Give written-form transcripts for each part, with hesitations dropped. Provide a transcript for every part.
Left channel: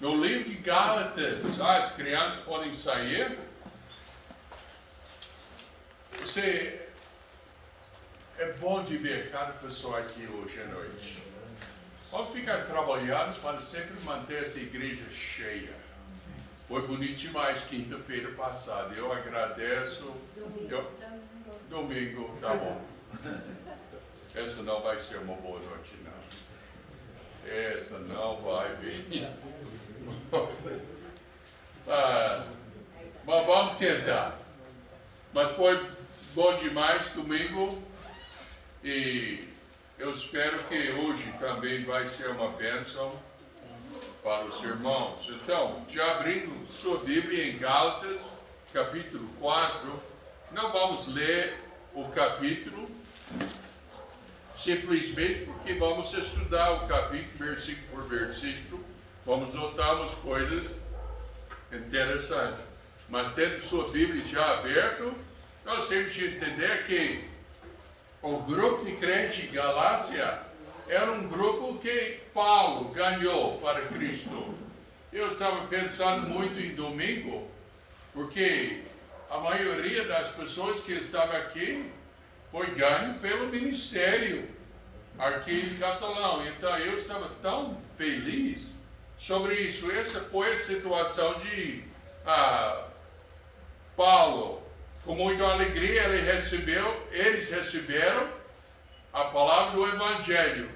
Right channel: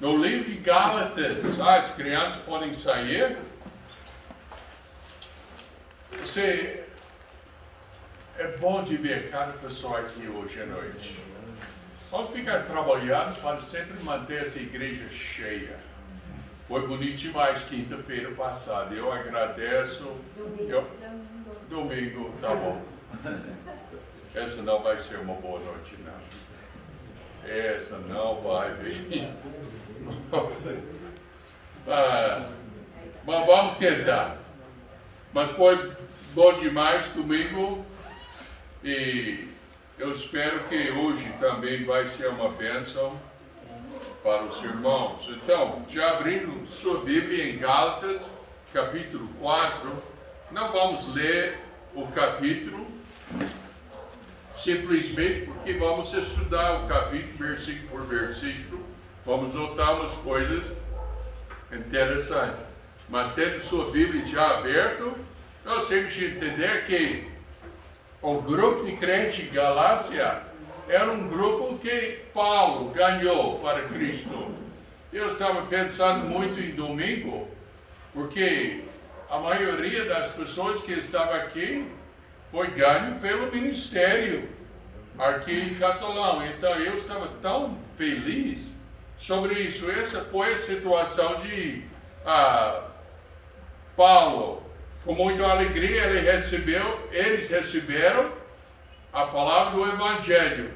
No livro de Gálatas, as crianças podem sair. É bom de ver cada pessoa aqui hoje à noite. Vamos ficar trabalhando para sempre manter essa igreja cheia. Foi bonito demais quinta-feira passada. Eu agradeço. Domingo, tá bom. Essa não vai ser uma boa noite, não. Essa não vai vir. Mas vamos tentar. Mas foi bom demais domingo e eu espero que hoje também vai ser uma bênção para os irmãos. Então, já abrindo sua Bíblia em Gálatas, capítulo 4, não vamos ler o capítulo, simplesmente porque vamos estudar o capítulo, versículo por versículo, vamos notar umas coisas interessantes. Mas tendo sua Bíblia já aberta, nós temos que entender que o grupo de crentes de Galácia era um grupo que Paulo ganhou para Cristo. Eu estava pensando muito em domingo, porque a maioria das pessoas que estavam aqui foi ganho pelo ministério aqui em Catalão. Então eu estava tão feliz sobre isso. Essa foi a situação de Paulo. Com muita alegria eles receberam a palavra do Evangelho.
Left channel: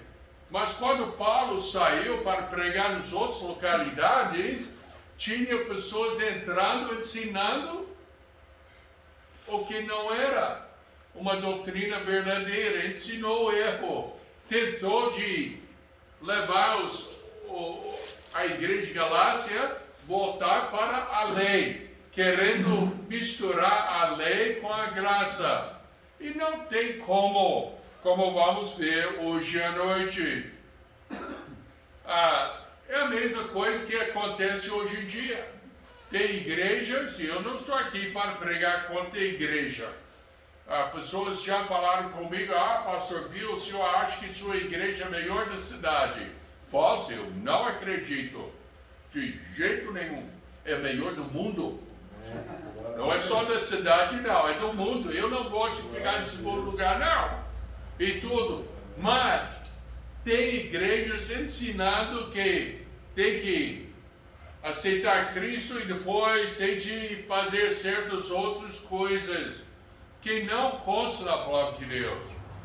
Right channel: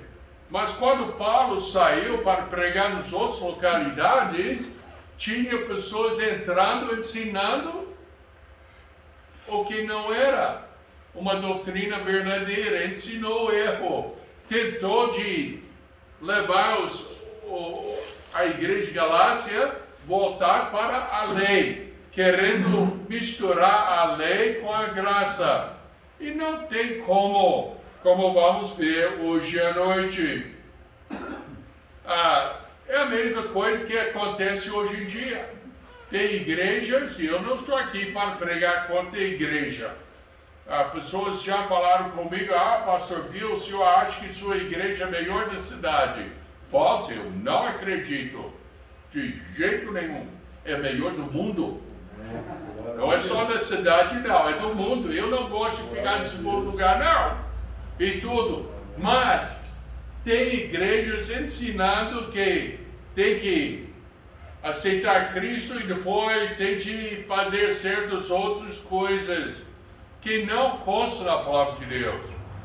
Mas quando Paulo saiu para pregar nas outras localidades, tinha pessoas entrando, ensinando o que não era uma doutrina verdadeira, ensinou o erro, tentou de levar a igreja de Galácia voltar para a lei, querendo misturar a lei com a graça. E não tem como vamos ver hoje à noite. É a mesma coisa que acontece hoje em dia. Tem igrejas, e eu não estou aqui para pregar contra a igreja. Pessoas já falaram comigo, pastor Bill, o senhor acha que sua igreja é a melhor da cidade? Falso, eu não acredito. De jeito nenhum. É a melhor do mundo. Não é só da cidade, não, é do mundo. Eu não gosto de ficar nesse lugar, não. E tudo. Mas tem igrejas ensinando que tem que aceitar Cristo e depois tem que fazer certas outras coisas que não constam na palavra de Deus.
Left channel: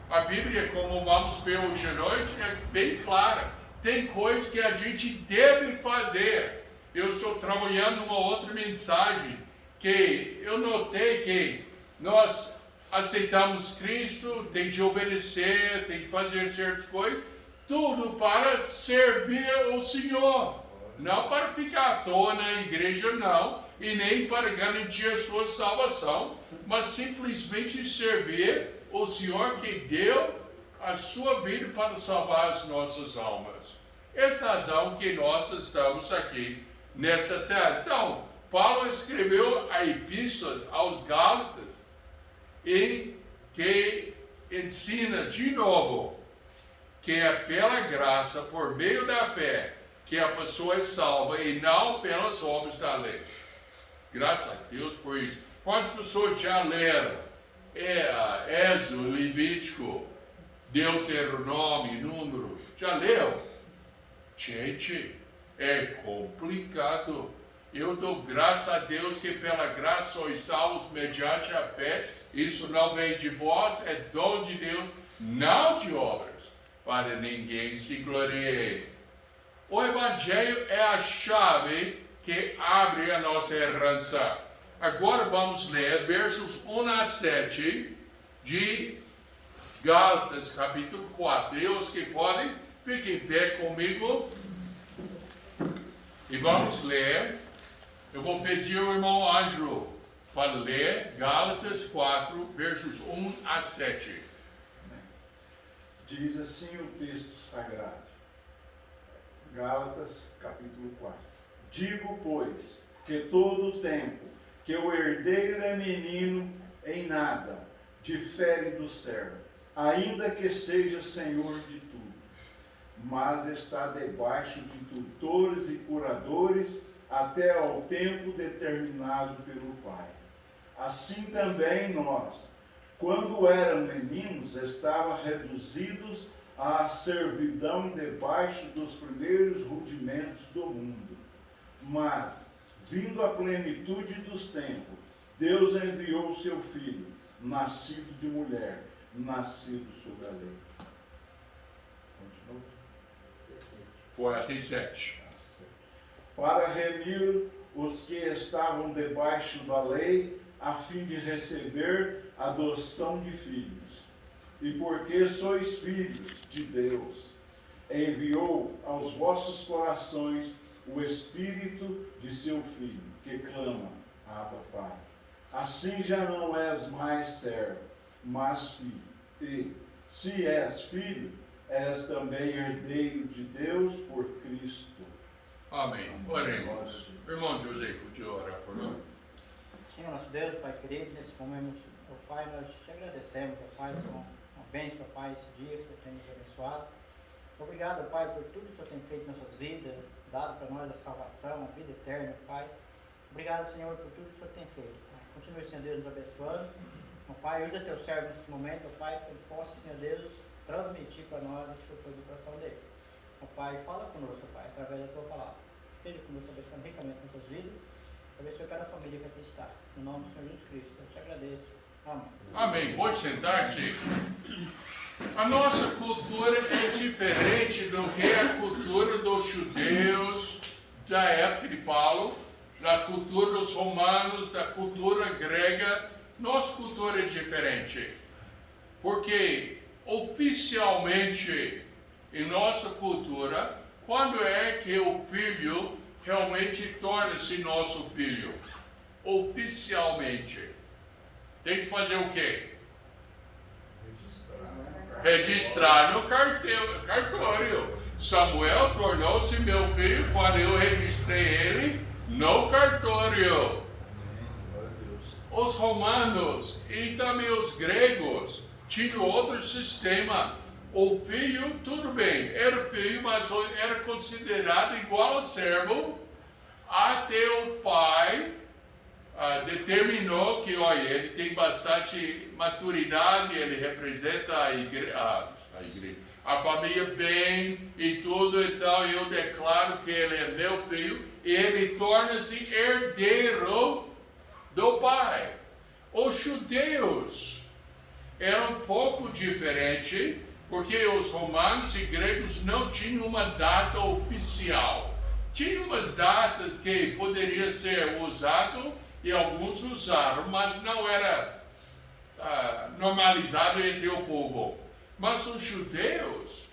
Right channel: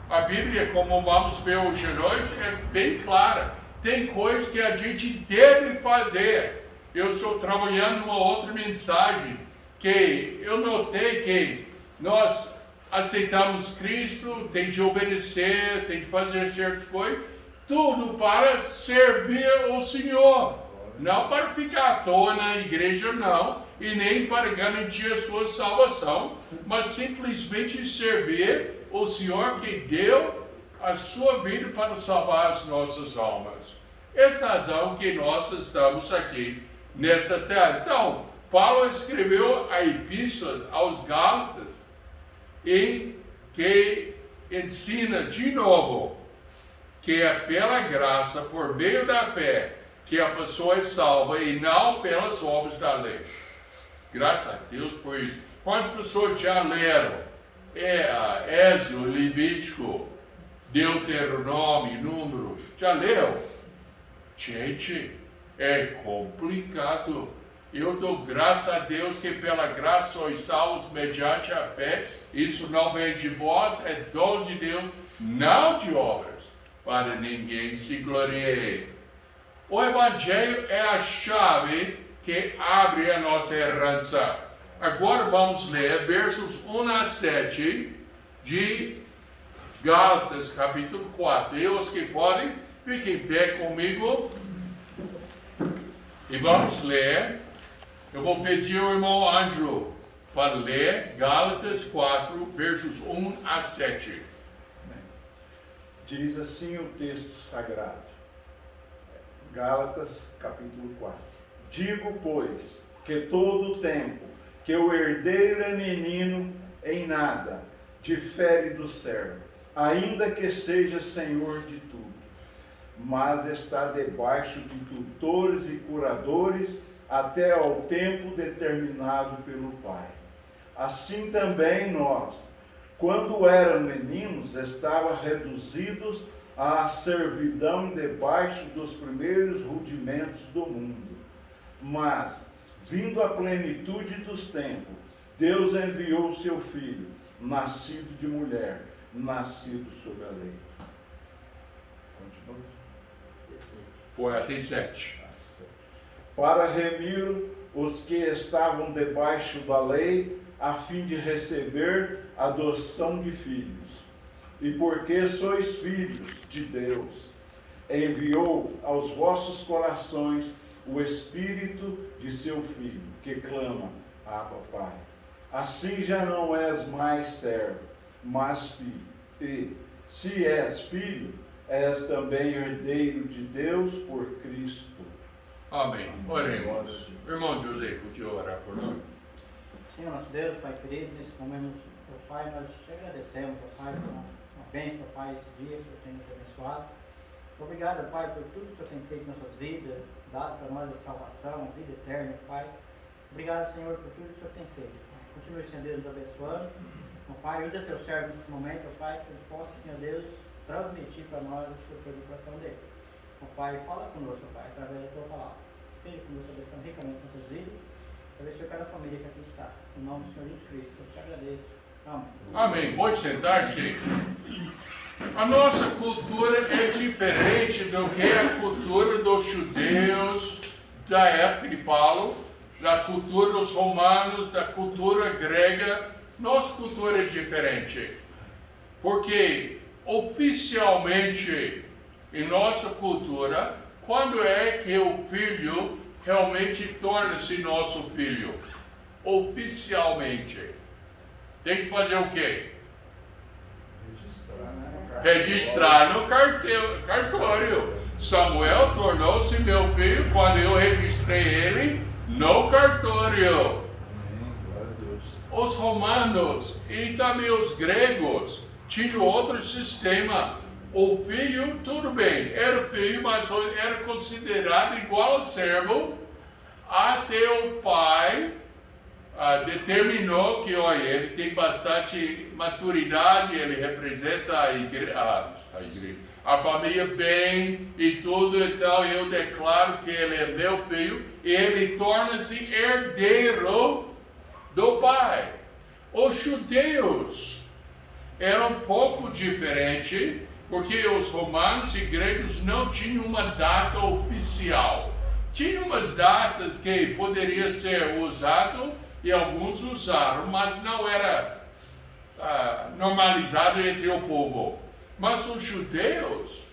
A Bíblia, como vamos ver hoje à noite, é bem clara. Tem coisas que a gente deve fazer. Eu estou trabalhando numa outra mensagem que eu notei que nós aceitamos Cristo, tem de obedecer, tem de fazer certas coisas, tudo para servir o Senhor, não para ficar à toa na igreja, não, e nem para garantir a sua salvação, mas simplesmente servir o Senhor que deu a sua vida para salvar as nossas almas. Essa é a razão que nós estamos aqui nesta terra. Então, Paulo escreveu a epístola aos Gálatas, em que ensina de novo que é pela graça, por meio da fé, que a pessoa é salva e não pelas obras da lei. Graças a Deus por isso. Quantas pessoas já leram Êxodo, Levítico, Deuteronômio, Números? Já leu? Gente, é complicado. Eu dou graças a Deus que pela graça sois salvos mediante a fé. Isso não vem de vós, é dom de Deus, não de obras, para ninguém se glorieie. O Evangelho é a chave que abre a nossa herança. Agora vamos ler versos 1 a 7 de Gálatas, capítulo 4. E os que podem, fiquem em pé comigo. E vamos ler. Eu vou pedir ao irmão Ângelo para ler Gálatas 4, versos 1 a 7. Diz assim o texto sagrado. Gálatas, capítulo 4. Digo, pois, que todo o tempo que o herdeiro é menino, em nada difere do servo, ainda que seja senhor de tudo. mas está debaixo de tutores e curadores até ao tempo determinado pelo Pai. Assim também nós, quando éramos meninos, estávamos reduzidos à servidão debaixo dos primeiros rudimentos do mundo. Mas, vindo a plenitude dos tempos, Deus enviou o seu Filho, nascido de mulher, nascido sob a lei. Continua. Foi até 7. Para remir os que estavam debaixo da lei, a fim de receber a adoção de filhos. E porque sois filhos de Deus, enviou aos vossos corações o Espírito de seu Filho, que clama, Abba, Pai. Assim já não és mais servo, mas filho. E, se és filho, és também herdeiro de Deus por Cristo. Amém. Oremos. Irmão José, podia orar por nós? Senhor nosso Deus, Pai querido, nesse momento, ó Pai, nós te agradecemos, ó Pai, por uma bênção, ó Pai, esse dia, o Senhor tem nos abençoado. Obrigado, Pai, por tudo que o Senhor tem feito em nossas vidas, dado para nós a salvação, a vida eterna, Pai. Obrigado, Senhor, por tudo que o Senhor tem feito. Continue, Senhor Deus, nos abençoando. Ó Pai, usa teu servo nesse momento, ó Pai, que ele possa, Senhor Deus, transmitir para nós o que o Senhor fez no coração dele. Ó Pai, fala conosco, ó Pai, através da tua palavra. Esteja conosco, abençoando ricamente nossas vidas. Abençoe cada família que aqui está. Em nome do Senhor Jesus Cristo, eu te agradeço. Amém. Amém. Pode sentar-se. A nossa cultura é diferente do que a cultura dos judeus da época de Paulo, da cultura dos romanos, da cultura grega. Nossa cultura é diferente. Porque oficialmente, em nossa cultura, quando é que o filho realmente torna-se nosso filho? Oficialmente. Tem que fazer o quê? Registrar no cartório. Samuel tornou-se meu filho quando eu registrei ele no cartório. Os romanos e também os gregos tinham outro sistema. O filho, tudo bem, era filho, mas era considerado igual ao servo, até o pai determinou que, olha, ele tem bastante maturidade, ele representa a família bem e tudo, então eu declaro que ele é meu filho e ele torna-se herdeiro do pai. Os judeus eram um pouco diferentes, porque os romanos e gregos não tinham uma data oficial. Tinham umas datas que poderia ser usado e alguns usaram, mas não era normalizado entre o povo. Mas os judeus,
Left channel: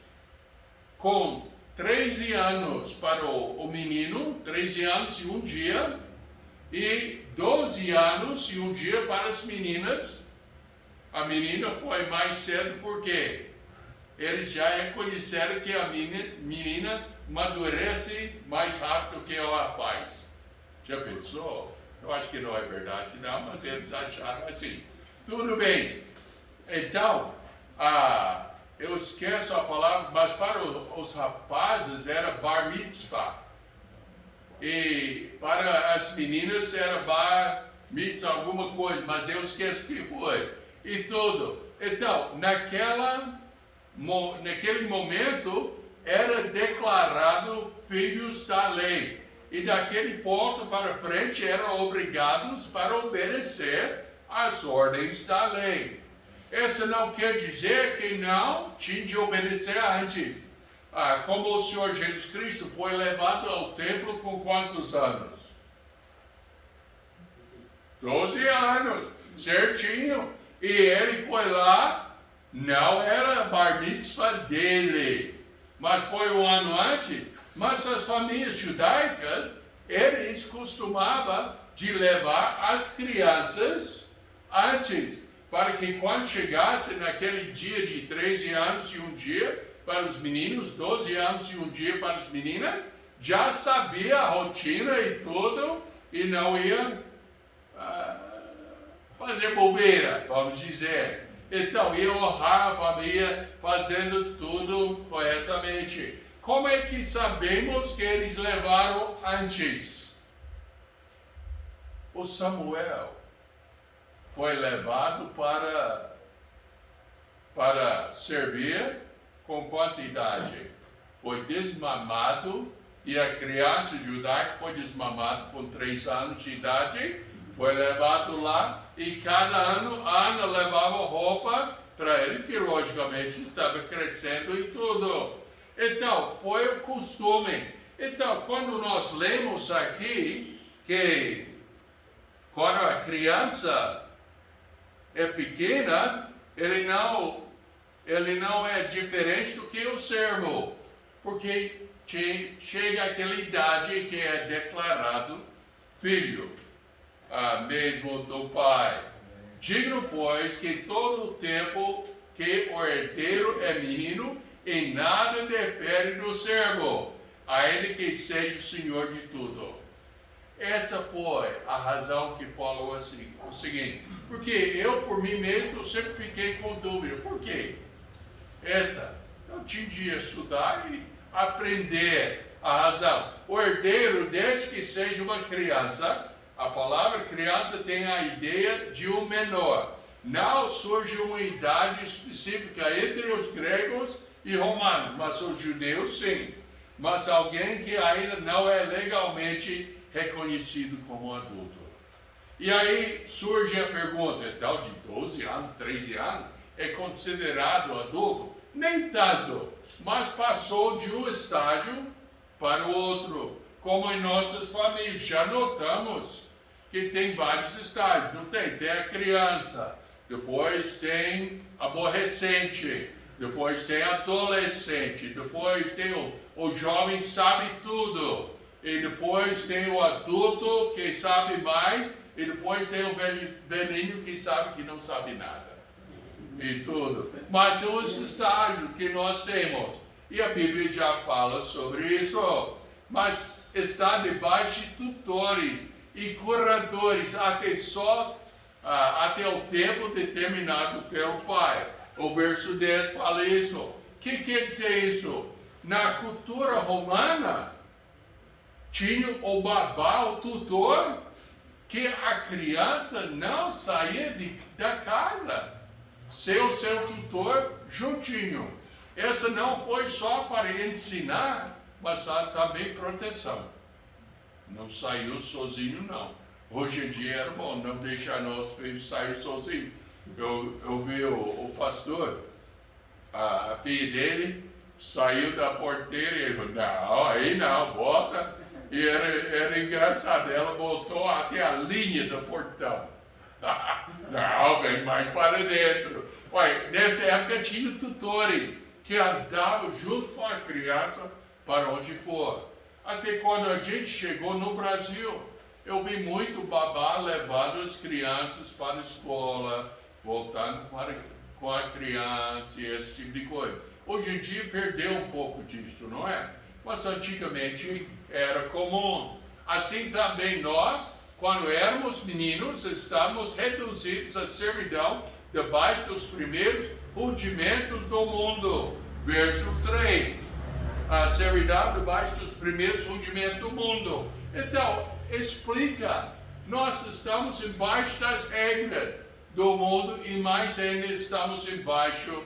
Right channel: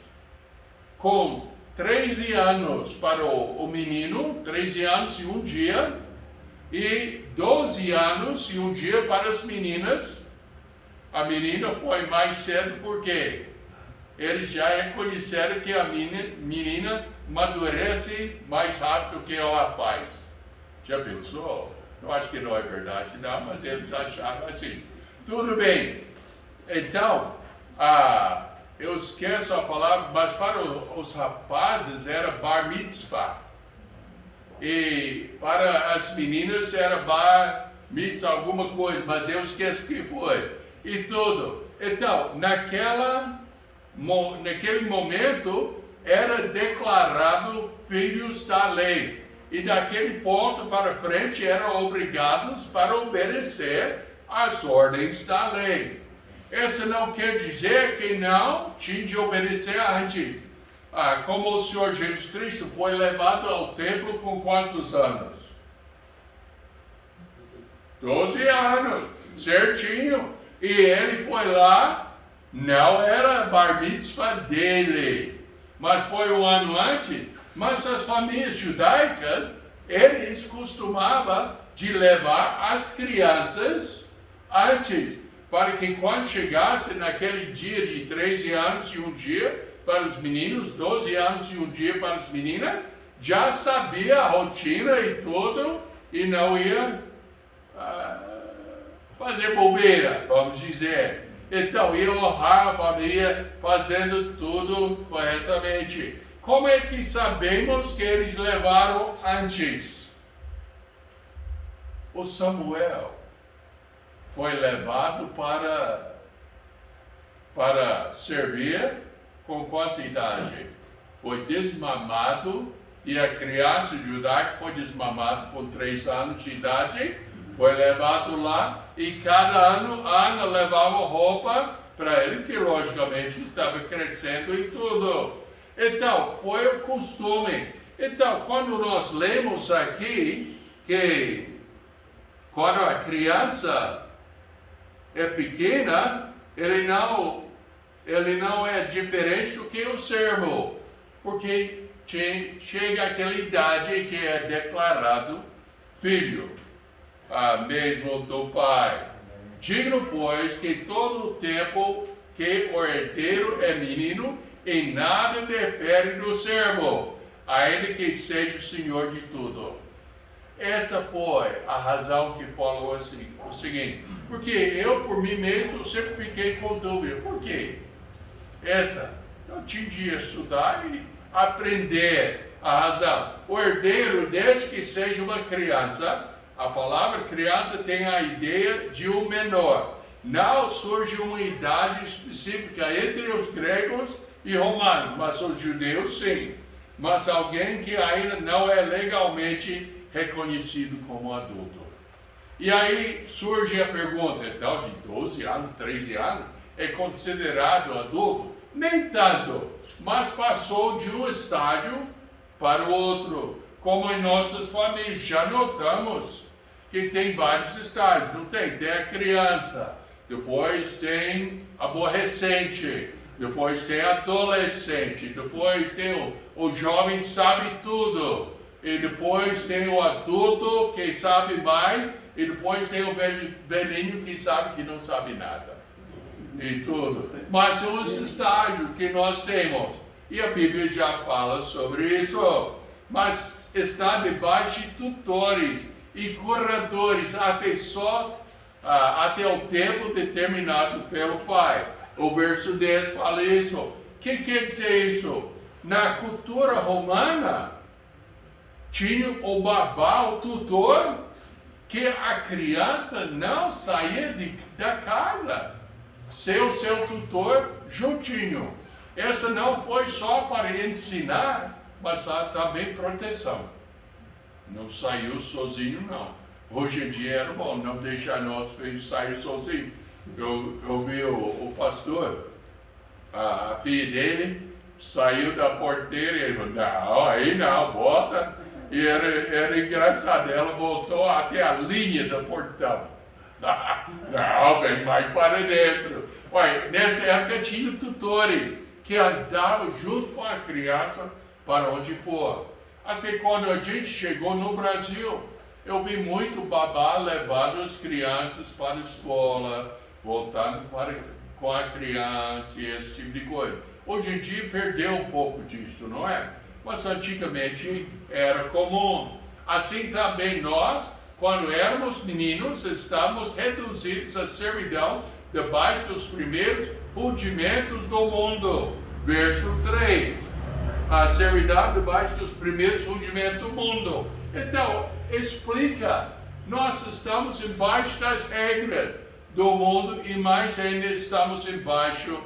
com 13 anos para o menino, 13 anos e um dia, e 12 anos e um dia para as meninas. A menina foi mais cedo porque eles já reconheceram que a menina amadurece mais rápido que o rapaz. Já pensou? Eu acho que não é verdade, não, mas eles acharam assim. Tudo bem. Então, eu esqueço a palavra, mas para os rapazes era bar mitzvah. E para as meninas era bar mitzvah, alguma coisa, mas eu esqueço o que foi. E tudo. Então, naquele momento, era declarado filhos da lei. E daquele ponto para frente eram obrigados para obedecer às ordens da lei. Isso não quer dizer que não tinha de obedecer antes. Como o Senhor Jesus Cristo foi levado ao templo com quantos anos? 12 anos, certinho. E ele foi lá, não era bar mitzvah dele, mas foi um ano antes. Mas as famílias judaicas, eles costumavam de levar as crianças antes, para que quando chegasse naquele dia de 13 anos e um dia para os meninos, 12 anos e um dia para as meninas, já sabia a rotina e tudo, e não ia fazer bobeira, vamos dizer. Então, e honrar a família fazendo tudo corretamente. Como é que sabemos que eles levaram antes? O Samuel foi levado para servir com quantidade. Foi desmamado, e a criança judaica foi desmamada com 3 anos de idade, foi levado lá, e cada ano Ana levava roupa para ele, que logicamente estava crescendo e tudo. Então, foi o costume. Então, quando nós lemos aqui que quando a criança é pequena, ele não é diferente do que o servo, porque chega aquela idade que é declarado filho, mesmo do pai. Digno, pois, que todo o tempo que o herdeiro é menino, em nada difere do servo, ainda que seja o senhor de tudo. Essa foi a razão que falou assim, o seguinte, porque eu, por mim mesmo, sempre fiquei com dúvida. Por quê? Eu tinha de estudar e aprender a razão. O herdeiro, desde que seja uma criança, a palavra criança tem a ideia de um menor. Não surge uma idade específica entre os gregos e romanos, mas os judeus sim. Mas alguém que ainda não é legalmente reconhecido como adulto. E aí surge a pergunta, então de 12 anos, 13 anos, é considerado adulto? Nem tanto, mas passou de um estágio para o outro, como em nossas famílias. Já notamos que tem vários estágios, não tem? Tem a criança, depois tem aborrecente, depois tem adolescente, depois tem o jovem sabe tudo, e depois tem o adulto que sabe mais, e depois tem o velhinho que sabe que não sabe nada. E tudo. Mas são os estágios que nós temos. E a Bíblia já fala sobre isso. Mas está debaixo de tutores e curadores até o tempo determinado pelo Pai. O verso 10 fala isso. O que quer dizer isso? Na cultura romana, tinha o babá, o tutor, que a criança não saía da casa. Seu tutor juntinho. Essa não foi só para ensinar, mas também proteção. Não saiu sozinho, não. Hoje em dia era bom não deixar nossos filhos sair sozinhos. Eu vi o pastor, a filha dele saiu da porteira e ele falou, não, aí não, volta. E era engraçado, ela voltou até a linha do portão. Não, vem mais para dentro. Olha, nessa época tinha tutores que andavam junto com a criança para onde for. Até quando a gente chegou no Brasil, eu vi muito babá levando as crianças para a escola, voltando com a criança e esse tipo de coisa. Hoje em dia perdeu um pouco disso, não é? Mas antigamente era comum. Assim também nós, quando éramos meninos, estávamos reduzidos à servidão debaixo dos primeiros rudimentos do mundo. Verso 3. A servidão debaixo dos primeiros rudimentos do mundo. Então, explica. Nós estamos embaixo das regras do mundo e mais ainda estamos embaixo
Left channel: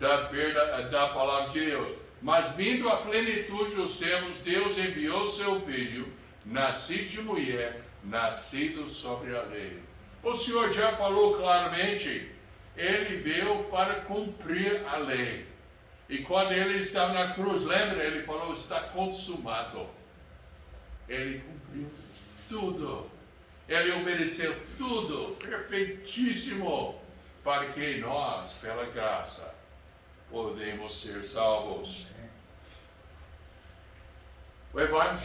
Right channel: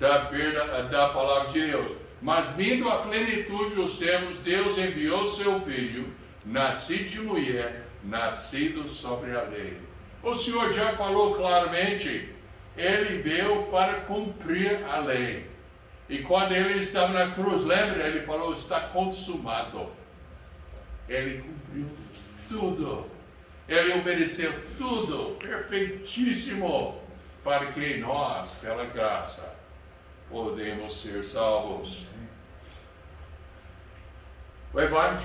da palavra de Deus. Mas vindo à plenitude dos tempos, Deus enviou seu filho, nascido de mulher, nascido sobre a lei. O Senhor já falou claramente, ele veio para cumprir a lei. E quando ele estava na cruz, lembra? Ele falou, está consumado. Ele cumpriu tudo. Ele obedeceu tudo, perfeitíssimo, para que nós, pela graça, podemos ser salvos. O Evangelho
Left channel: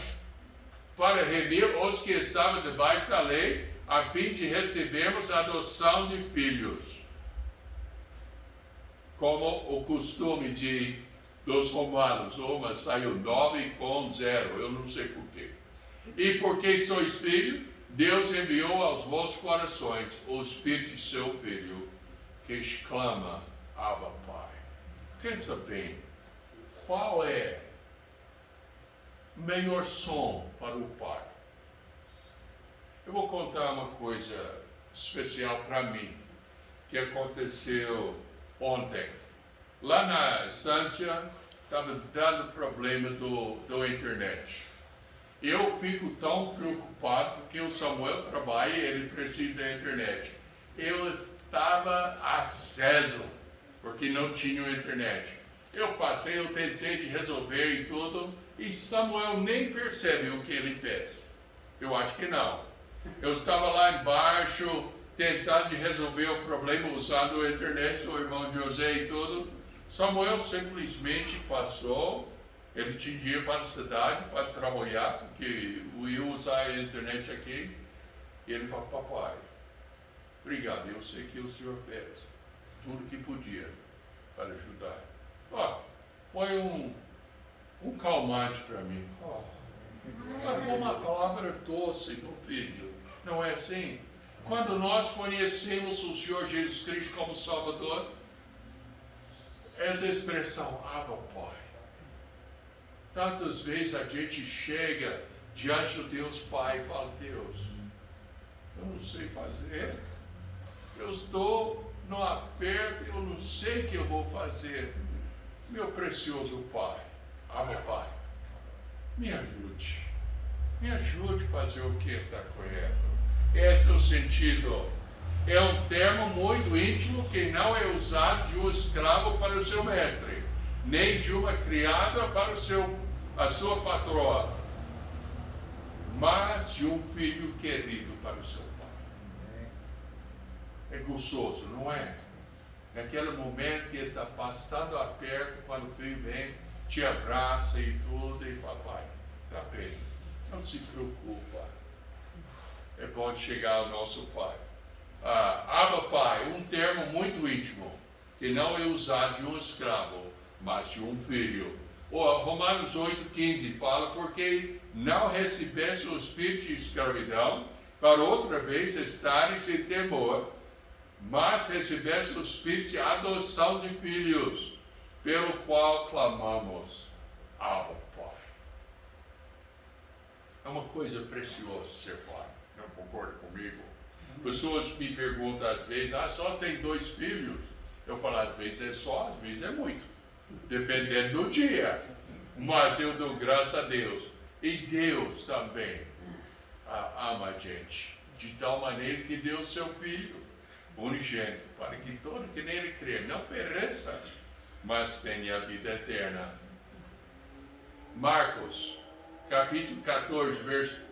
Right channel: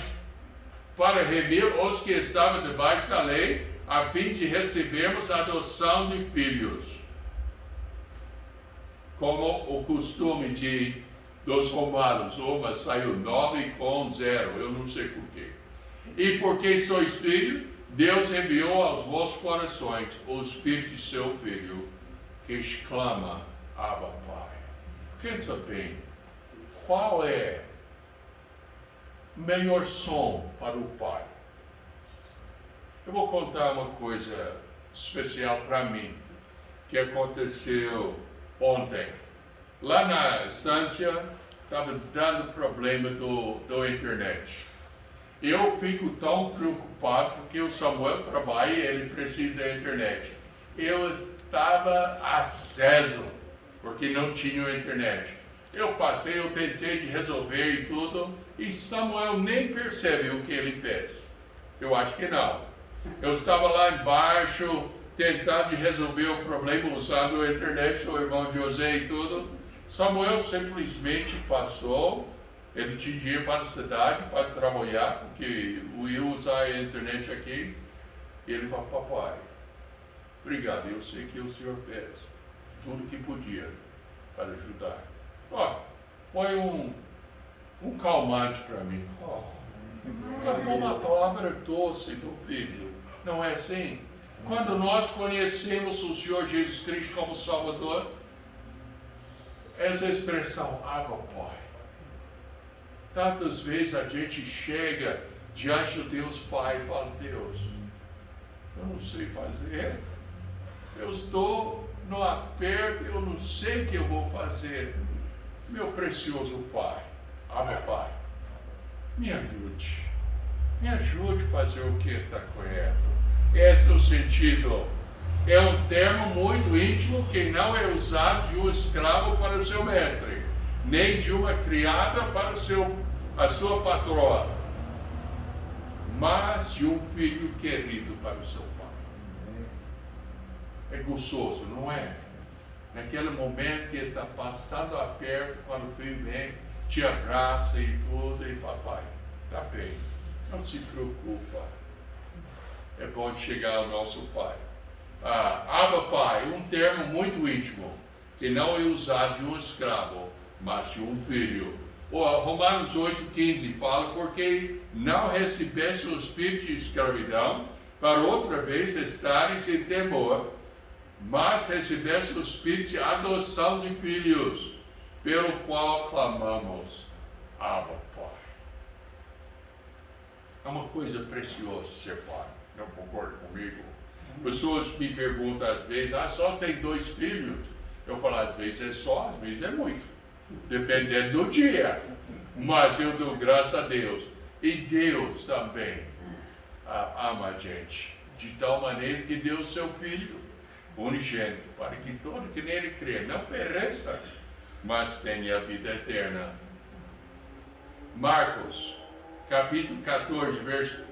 para remir os que estavam debaixo da lei, a fim de recebermos a adoção de filhos, como o costume dos romanos. Mas saiu 9 com 0, eu não sei porquê. E porque sois filhos, Deus enviou aos vossos corações o Espírito de seu Filho, que exclama, Abba, Pai. Pensa bem, qual é o melhor som para o Pai? Eu vou contar uma coisa especial para mim, que aconteceu ontem. Lá na estância, estava dando problema do internet. Eu fico tão preocupado porque o Samuel trabalha e ele precisa da internet. Eu estava aceso porque não tinha internet. Eu tentei de resolver e tudo, e Samuel nem percebe o que ele fez. Eu acho que não. Eu estava lá embaixo tentando de resolver o problema usando a internet do irmão José e tudo. Samuel simplesmente passou. Ele tinha dinheiro para a cidade, para trabalhar, porque eu ia usar a internet aqui. E ele falou, papai, obrigado, eu sei que o senhor fez tudo que podia para ajudar. Foi um calmante para mim. Foi uma palavra doce do Filho, não é assim? Quando nós conhecemos o Senhor Jesus Cristo como Salvador, essa expressão, Abba, Pai. Tantas vezes a gente chega diante do Deus Pai e fala, Deus, eu não sei fazer, eu estou no aperto, eu não sei o que eu vou fazer. Meu precioso Pai, Abba, Pai, me ajude a fazer o que está correto. Esse é o sentido. É um termo muito íntimo que não é usado de um escravo para o seu mestre, nem de uma criada para a sua patroa, mas de um filho querido para o seu pai. É gostoso, não é? Naquele momento que está passando aperto, quando o filho vem, te abraça e tudo, e fala, pai, está bem, não se preocupa. É bom chegar ao nosso pai. Abba, Pai, um termo muito íntimo, que não é usado de um escravo, mas de um filho. Romanos 8,15 fala, porque não recebeste o espírito de escravidão, para outra vez estares em temor, mas recebeste o espírito de adoção de filhos, pelo qual clamamos, Abba, Pai. É uma coisa preciosa ser pai, não concorda comigo? Pessoas me perguntam às vezes, só tem 2 filhos? Eu falo, às vezes é só, às vezes é muito, dependendo do dia. Mas eu dou graças a Deus. E Deus também ama a gente, de tal maneira que deu seu Filho unigênito, para que todo que nele crê não pereça, mas tenha a vida eterna. Marcos, capítulo 14,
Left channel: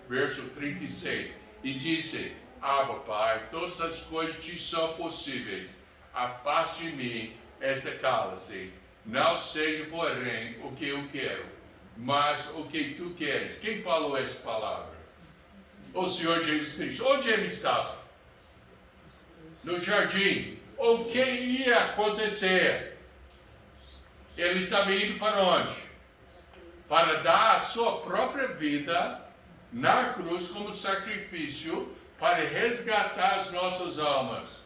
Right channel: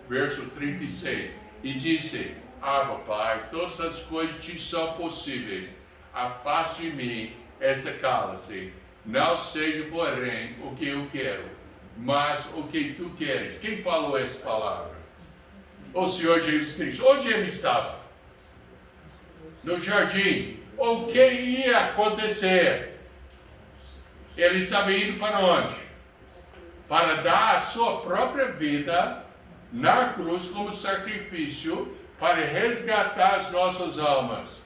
verso 36, e disse, Abba, Pai, todas as coisas te são possíveis, afaste de mim esta cálice, não seja, porém, o que eu quero, mas o que tu queres. Quem falou essa palavra? O Senhor Jesus Cristo. Onde ele estava? No jardim. O que ia acontecer? Ele estava indo para onde? Para dar a sua própria vida na cruz como sacrifício para resgatar as nossas almas.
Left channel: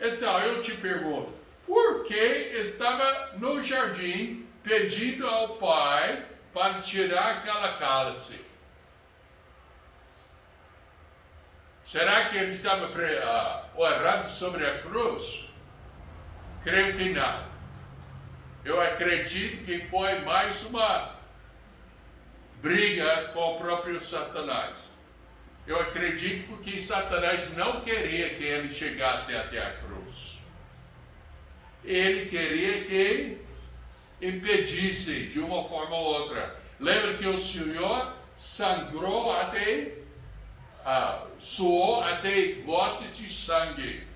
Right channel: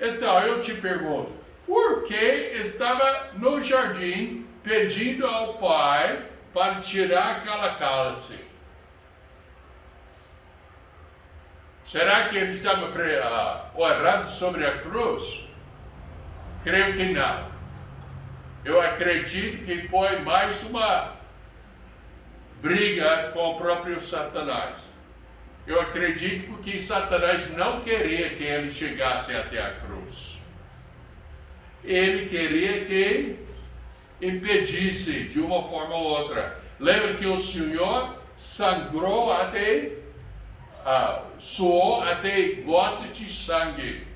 Então eu te pergunto, por que estava no jardim pedindo ao Pai para tirar aquela cálice? Será que ele estava orando sobre a cruz? Creio que não. Eu acredito que foi mais uma briga com o próprio Satanás. Eu acredito porque Satanás não queria que ele chegasse até a cruz. Ele queria que impedisse de uma forma ou outra. Lembra que o Senhor sangrou até, suou até gotas de sangue.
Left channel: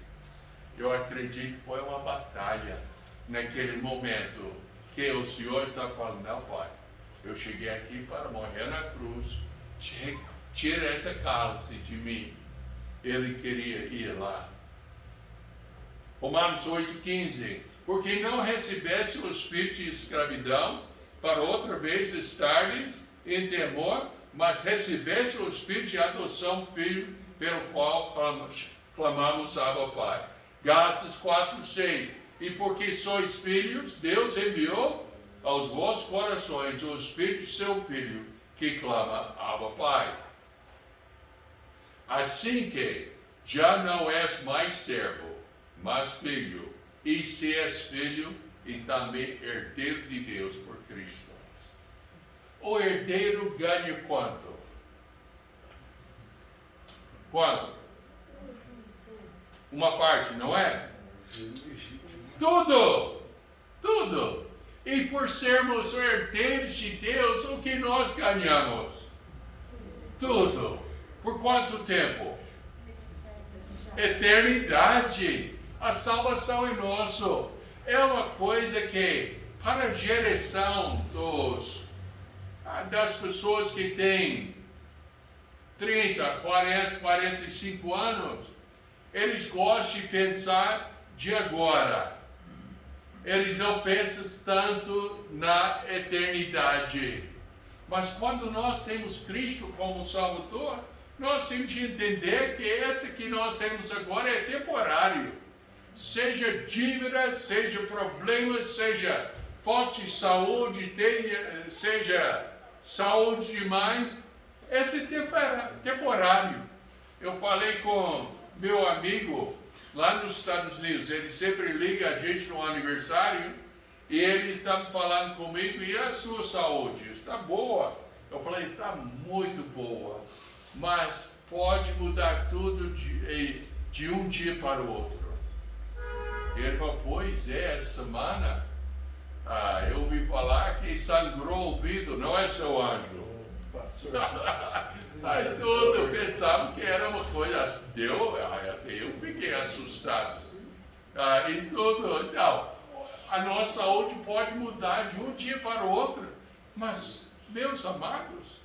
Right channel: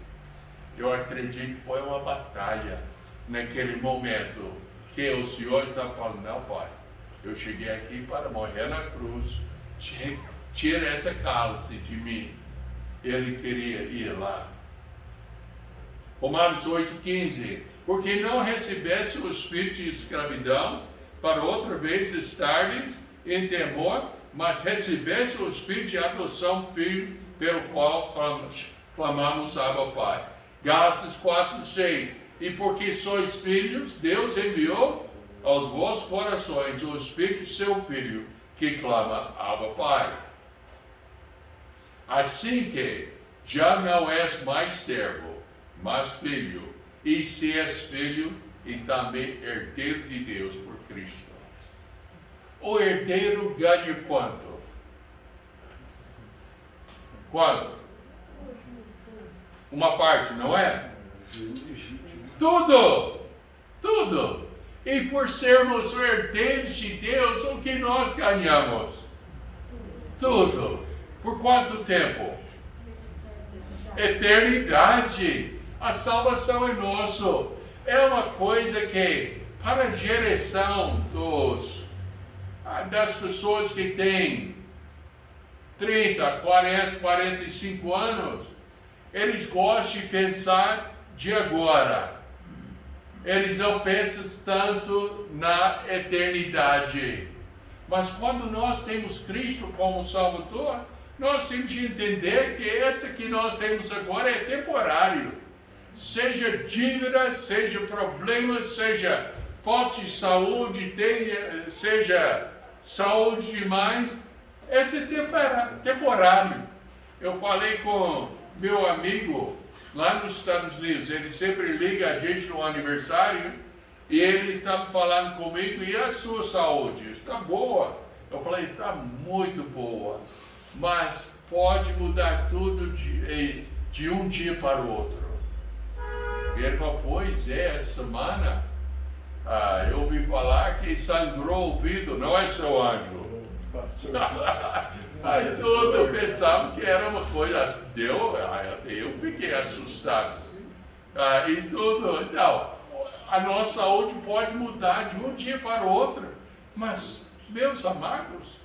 Eu acredito que foi uma batalha naquele momento que o Senhor está falando, não, Pai, eu cheguei aqui para morrer na cruz, tira essa cálice de mim. Ele queria ir lá. Romanos 8,15, porque não recebeste o espírito de escravidão, para outra vez estares em temor, mas recebeste o espírito de adoção, filho, pelo qual clamamos Abba, Pai. Gálatas 4:6. E porque sois filhos, Deus enviou aos vossos corações o Espírito de seu Filho, que clama, Abba, Pai. Assim que já não és mais servo, mas filho, e se és filho, e também herdeiro de Deus por Cristo. O herdeiro ganha quanto? Quanto? Uma parte, não é? Tudo! Tudo! E por sermos herdeiros de Deus, o que nós ganhamos? Tudo! Por quanto tempo? Eternidade! A salvação é nosso. É uma coisa que, para a geração das pessoas que têm 30, 40, 45 anos, eles gostam de pensar de agora. Eles não pensam tanto na eternidade. Mas quando nós temos Cristo como Salvador, nós temos de entender que essa que nós temos agora é temporário. Seja dívida, seja problemas, seja falta de saúde, seja saúde demais, esse é temporário. Eu falei com meu amigo lá nos Estados Unidos, ele sempre liga a gente no aniversário, e ele estava falando comigo, e a sua saúde? Está boa? Eu falei, está muito boa, mas pode mudar tudo de um dia para o outro. E ele falou, pois é, essa semana eu ouvi falar que sangrou o ouvido, não é, seu anjo? Aí tudo, eu pensava que era uma coisa, eu fiquei assustado. E tudo, então, a nossa saúde pode mudar de um dia para o outro, mas, meus amados,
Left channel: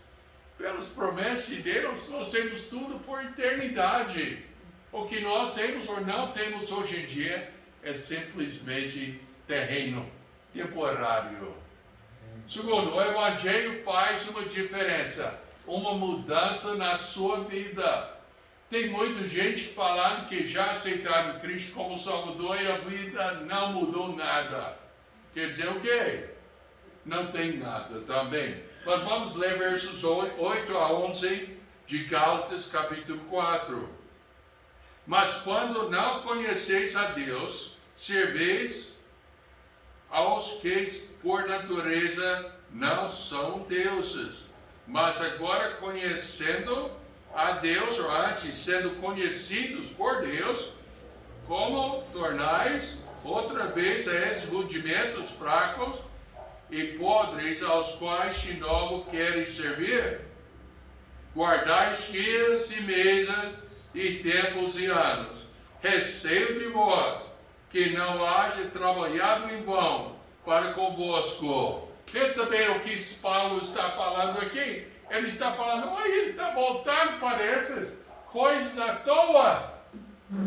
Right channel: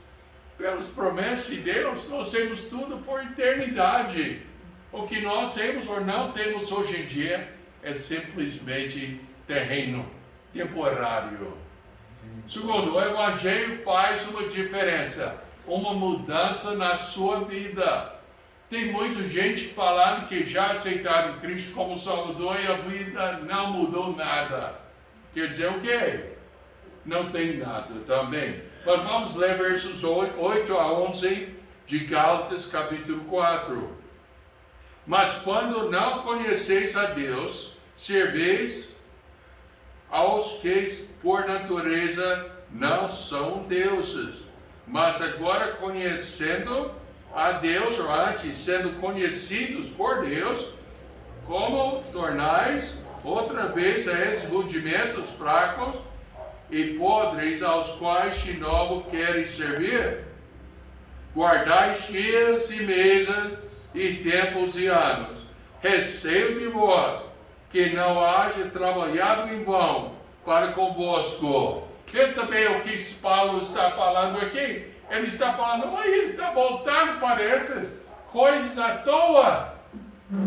pelas promessas de Deus, nós temos tudo por eternidade. O que nós temos ou não temos hoje em dia é simplesmente terreno, temporário. Segundo, o Evangelho faz uma diferença, uma mudança na sua vida. Tem muita gente falando que já aceitaram Cristo como Salvador e a vida não mudou nada. Quer dizer o quê? Não tem nada também. Mas vamos ler versos 8 a 11 de Gálatas capítulo 4. Mas quando não conheceis a Deus, serveis aos que por natureza não são deuses. Mas agora conhecendo a Deus, ou antes sendo conhecidos por Deus, como tornais outra vez a esses rudimentos fracos e podres aos quais de novo queres servir? Guardai dias e meses e tempos e anos. Receio de vós, que não haja trabalhado em vão para convosco. Pensa bem o que Paulo está falando aqui. Ele está falando, olha, ele está voltando para essas coisas à toa,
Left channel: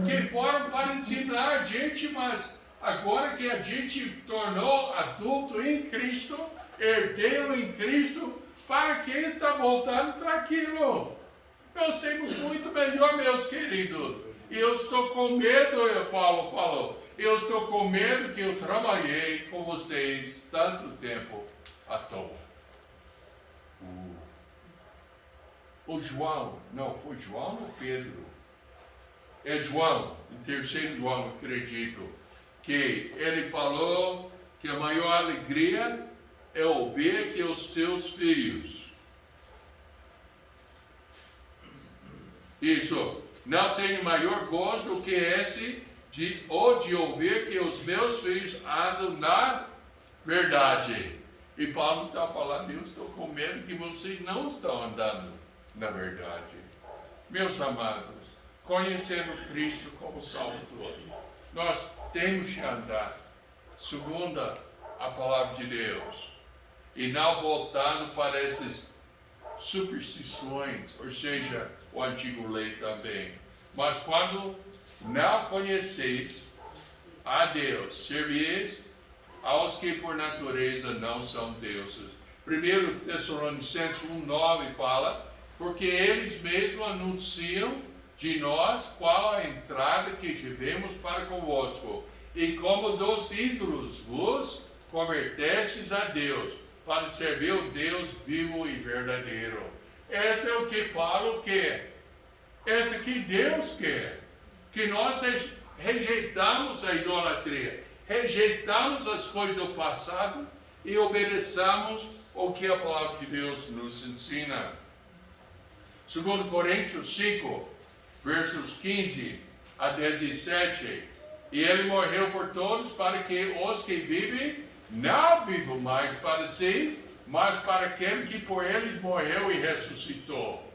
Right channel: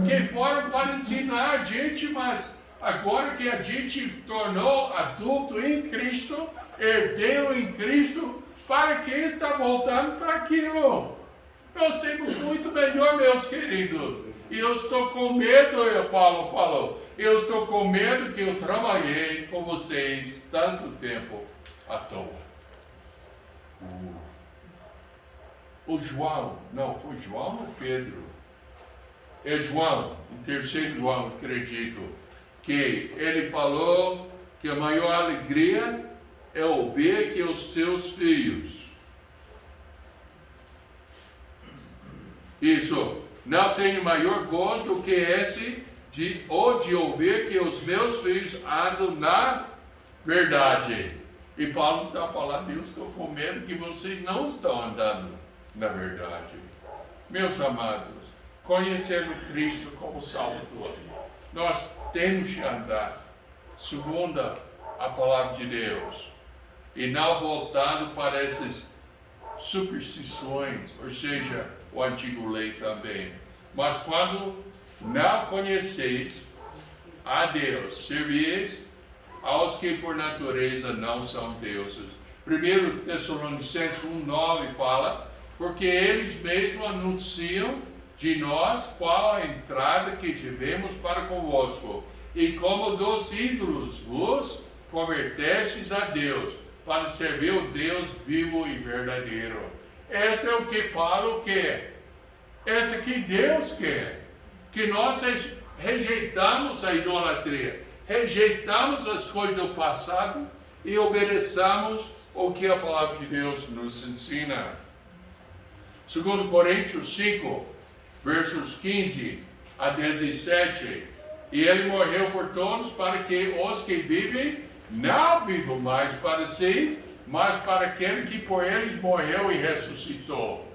que foram para ensinar a gente, mas agora que a gente tornou adulto em Cristo, herdeiro em Cristo, para que está voltando para aquilo? Nós temos muito melhor, meus queridos. E eu estou com medo, Paulo falou, eu estou com medo que eu trabalhei com vocês tanto tempo à toa. O João, não, foi João ou Pedro? É João, em 3 João, acredito, que ele falou que a maior alegria é ouvir que os seus filhos, isso, não tenho maior gozo do que esse de ouvir que os meus filhos andam na verdade. E Paulo está falando, eu estou com medo que vocês não estão andando na verdade. Meus amados, conhecendo Cristo como Salvador, nós temos de andar segundo a palavra de Deus e não voltando para essas superstições, ou seja, o antigo lei também. Mas quando não conheceis a Deus, servieis aos que por natureza não são deuses. 1 Tessalonicenses 1:9 fala, porque eles mesmos anunciam de nós qual a entrada que tivemos para convosco, e como dos ídolos vos convertestes a Deus, para servir o Deus vivo e verdadeiro. Esse é o que Paulo quer. Esse é que Deus quer. Que nós rejeitamos a idolatria, rejeitamos as coisas do passado e obedeçamos o que a palavra de Deus nos ensina. 2 Coríntios 5, versos 15 a 17. E ele morreu por todos, para que os que vivem não vivam mais para si, mas para aquele que por eles morreu e ressuscitou.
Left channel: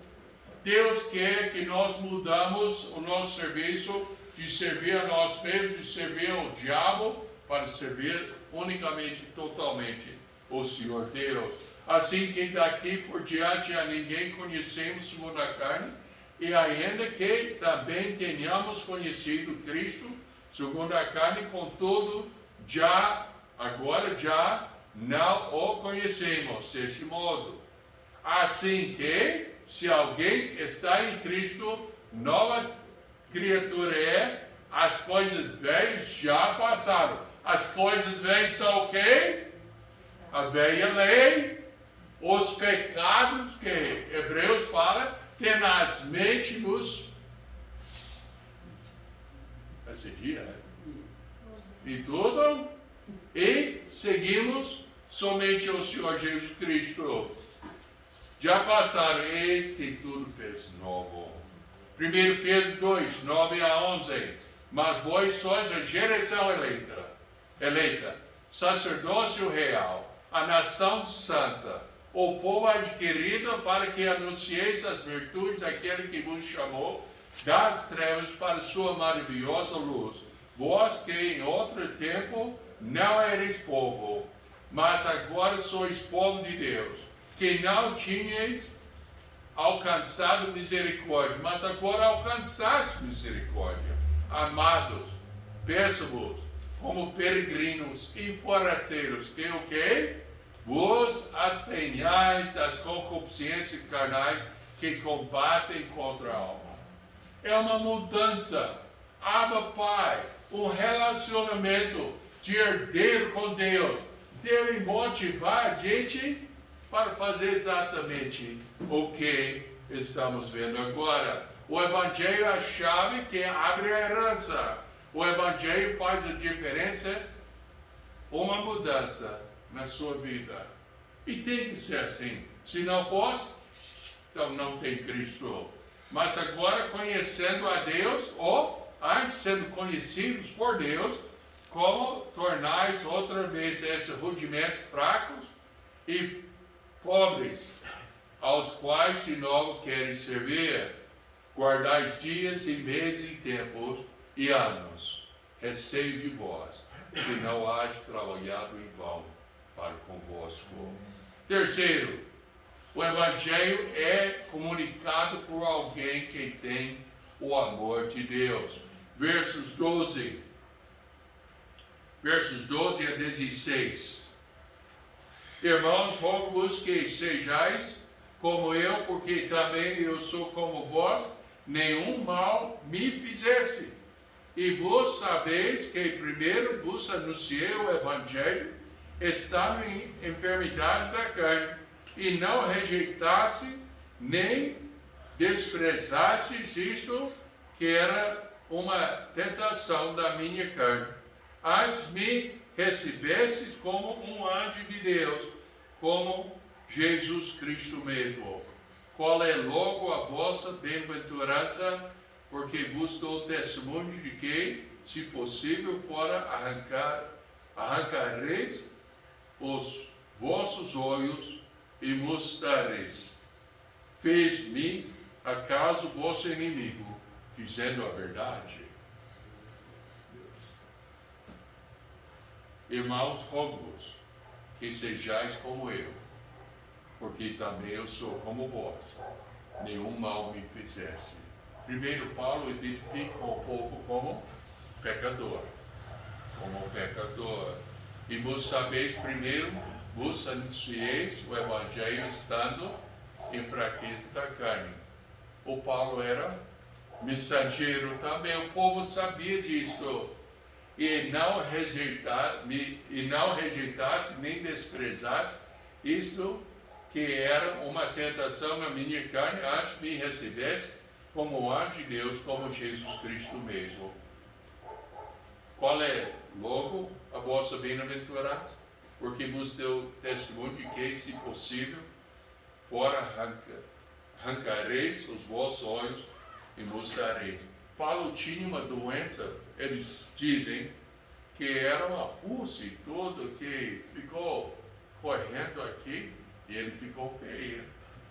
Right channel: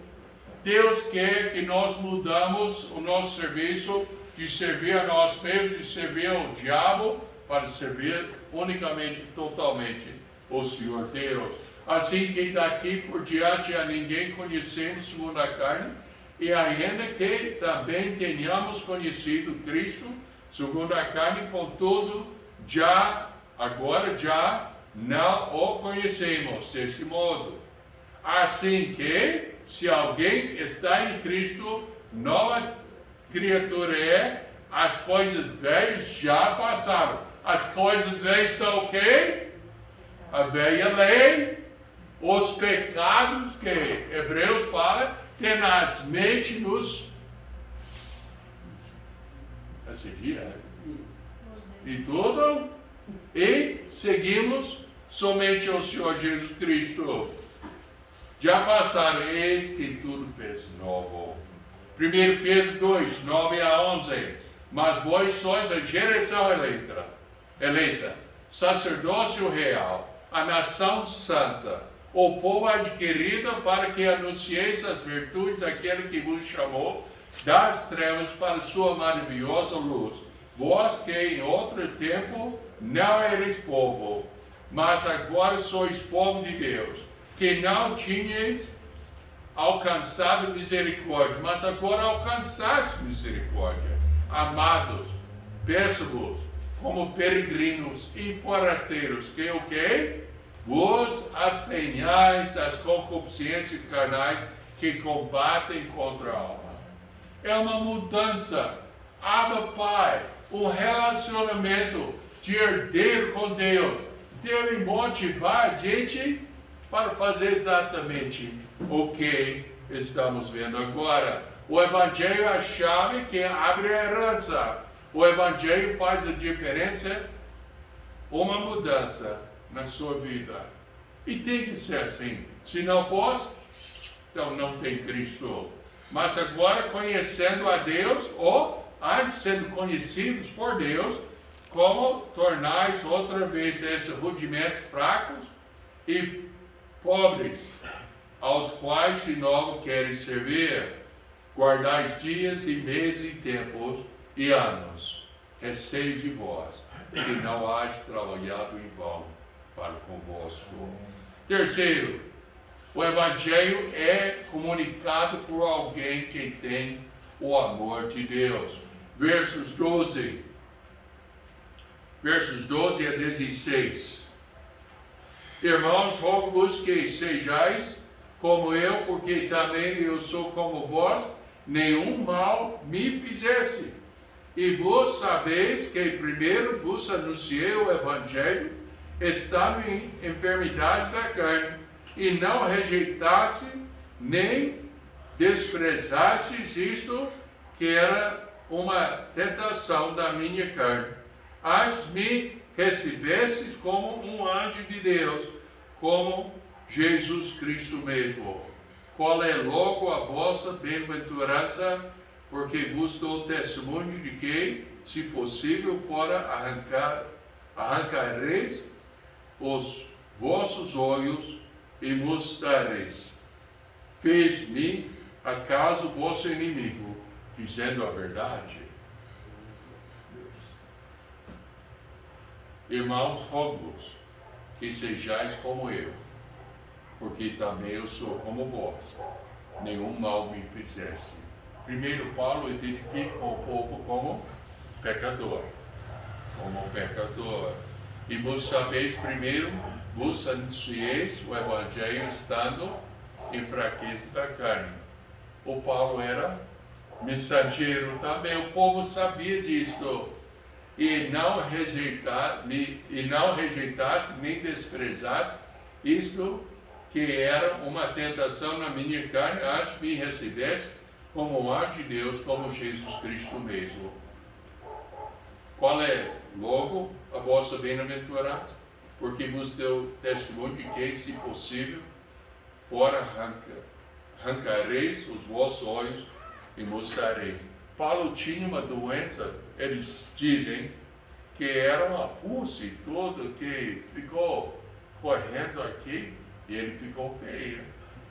Deus quer que nós mudamos o nosso serviço de servir a nós mesmos, de servir ao diabo, para servir unicamente, totalmente o Senhor Deus. Assim que daqui por diante a ninguém conhecemos segundo a carne, e ainda que também tenhamos conhecido Cristo segundo a carne, contudo, agora já não o conhecemos deste modo. Assim que, se alguém está em Cristo, nova criatura é, as coisas velhas já passaram. As coisas velhas são o quê? A velha lei, os pecados que Hebreus fala, tenazmente nos assedia, e tudo, e seguimos somente o Senhor Jesus Cristo. Já passaram, eis que tudo fez novo. 1 Pedro 2, 9 a 11. Mas vós sois a geração eleita, sacerdócio real, a nação santa, o povo adquirido, para que anuncieis as virtudes daquele que vos chamou das trevas para sua maravilhosa luz. Vós que em outro tempo não eres povo, mas agora sois povo de Deus, que não tinhais alcançado misericórdia, mas agora alcançaste misericórdia. Amados, peço-vos, como peregrinos e forasteiros, que o quê? Vos abstenhais das concupiscências carnais que combatem contra a alma. É uma mudança. Abba Pai, um relacionamento de herdeiro com Deus, deve motivar a gente para fazer exatamente o que estamos vendo agora. O Evangelho é a chave que abre a herança. O Evangelho faz a diferença, uma mudança na sua vida. E tem que ser assim. Se não fosse, então não tem Cristo. Mas agora, conhecendo a Deus, ou antes sendo conhecidos por Deus, como tornais outra vez esses rudimentos fracos e pobres, aos quais de novo queres servir. Guardais dias e meses e tempos e anos. Receio de vós, que não hades trabalhado em vão para convosco. Terceiro, o Evangelho é comunicado por alguém que tem o amor de Deus. Versos 12 a 16. Irmãos, rogo-vos que sejais como eu, porque também eu sou como vós, nenhum mal me fizesse. E vos sabeis que primeiro vos anunciei o Evangelho, estando em enfermidade da carne, e não rejeitasse, nem desprezastes isto, que era uma tentação da minha carne. Antes me recebestes como um anjo de Deus, como Jesus Cristo mesmo. Qual é logo a vossa bem-aventurança, porque vos dou testemunho de que, se possível, fora arrancareis os vossos olhos e mostrareis. Fez-me acaso vosso inimigo, dizendo a verdade? Irmãos, rogo-vos que sejais como eu, porque também eu sou como vós, nenhum mal me fizesse. Primeiro, Paulo identifica o povo como pecador. E vos sabeis primeiro, vos anuncieis o Evangelho estando em fraqueza da carne. O Paulo era mensageiro também. O povo sabia disso. E não rejeitasse nem desprezasse isto que era uma tentação na minha carne, antes me recebesse como anjo de Deus, como Jesus Cristo mesmo. Qual é, logo, a vossa bem-aventurança? Porque vos deu testemunho de que, se possível, fora arrancareis os vossos olhos e mostrareis. Paulo tinha uma doença, eles dizem, que era uma pulse e tudo, que ficou correndo aqui, e ele ficou feio.